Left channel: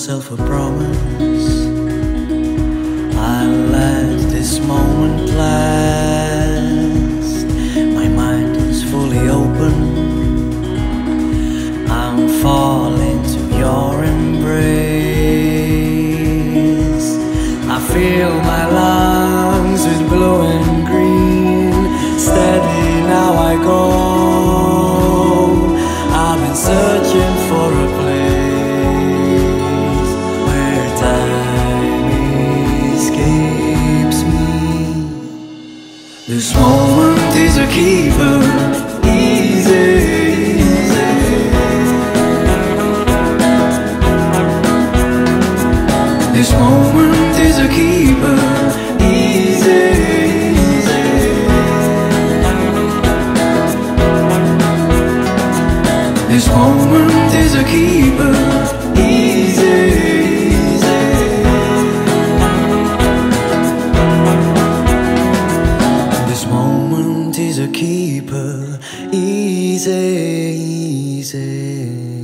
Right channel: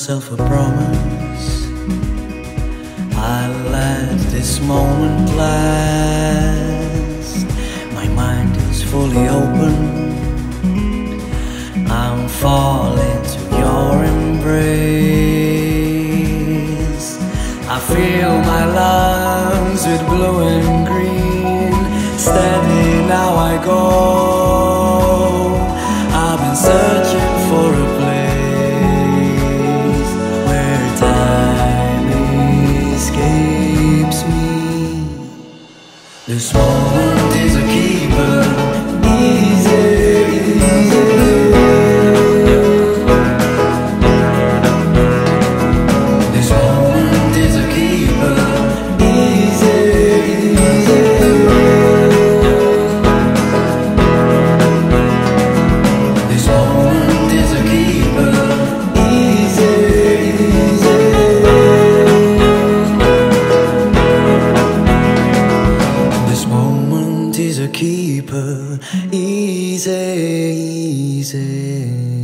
myself a promise. I'll let this moment last. My mind is fully open. I'm falling to your embrace. I fill my lungs with blue and green. Steady now I go. I've been searching for a place where time escapes me. This moment is a keeper, easy, easy. This moment is a keeper, easy, easy. This moment is a keeper, easy, easy. This moment is a keeper, easy, easy.